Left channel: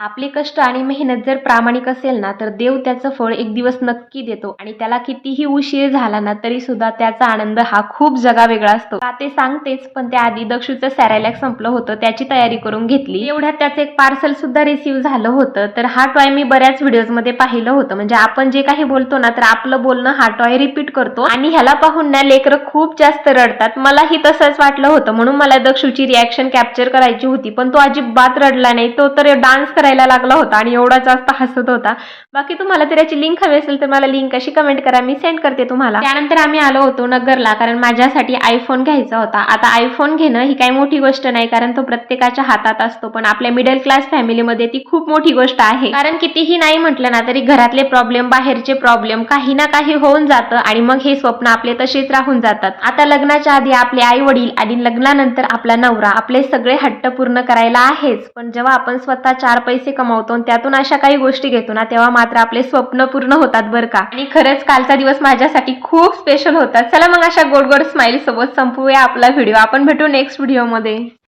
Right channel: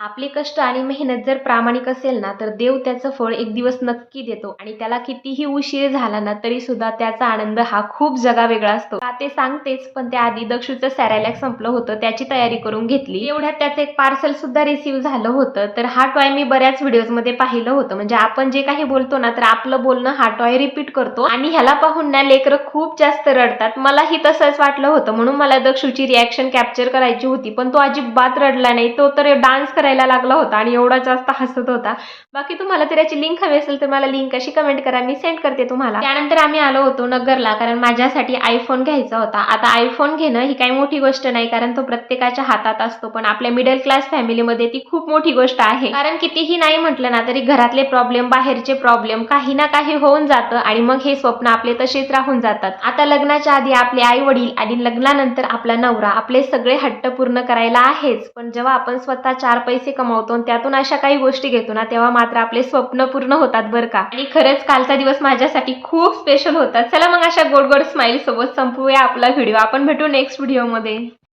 आपले कष्ट आणि मेहनत जर प्रामाणिक असेल ना, तर देव त्याचं फळ एक दिवस नक्की देतो आणि त्याला कितीही उशीर झाला ना, तरी सुद्धा त्याचा आनंद हा खूप जगावेगळा असतो. का ते सांगतेच, पण त्याआधी दक्षूचं सॅरेलॅक संपलं होतं, त्याची तयारी करून घेतली. एवढ्यात त्याचं एक पार्सल सुद्धा रिसीव्ह झालं होतं. तर हा टॉय मी बऱ्याच व्हिडिओजमध्ये पाहिलं होतं. म्हणजे आपण जे काही बोलतो ना, तर आपलं बोलणं हा टॉय रिपीट करतो आणि ह्याला पाहून ना लेकरं खूप जास्त रडतात. मलाही तसंच वाटलं होतं, म्हणून मला दक्षूची रिॲक्शन कॅप्चर करायची होती. पण तो अजिबात रडला नाही. तो तर डान्स करायला लागला होता आणि एवढा जास्त हसत होता. बाकी तुम्हाला तर याची लिंक हवी असेल तर मला लिंक अशी कमेंट करा, मी सेंड करते तुम्हाला. त्यानंतर आम्ही आलो होतो नगरला, कारण माझ्यासाठी आयफोन घ्यायचा होता. आता आयफोन घेणं ही काही मोठी गोष्ट नाही, कारण तो प्रत्येकाच्या हातात असतो. पण आपल्या मिडल क्लास फॅमिलीमध्ये ती खूप मोठी गोष्ट आहे. कारण कितीही नाही म्हटलं ना, तरी घरातले प्रॉब्लेम, बाहेरचे प्रॉब्लेम काही ना काही होऊन जातं आणि मग हे स्वप्न आपले तसेच राहून जातात. आता लग्नाच्या आधी आपले आई वडील आणि लग्नानंतर आपला नवरा आपले सगळे हट्ट पूर्ण करायला आहेच. पण जेव्हा आपण स्वतः 4 पैसे कमावतो आणि त्यातून अशा काही गोष्टी घेतो ना, तेव्हा मात्र आपले स्वप्न पूर्ण होतात बरं का. आणि खरंच कालचा दिवस माझ्यासाठी खूप स्पेशल होता. चला मग अशा गोड गोड स्माइल सोबत संपवूया आपला व्हिडिओ. आपण भेटू नेक्स्ट व्हिडिओमध्ये.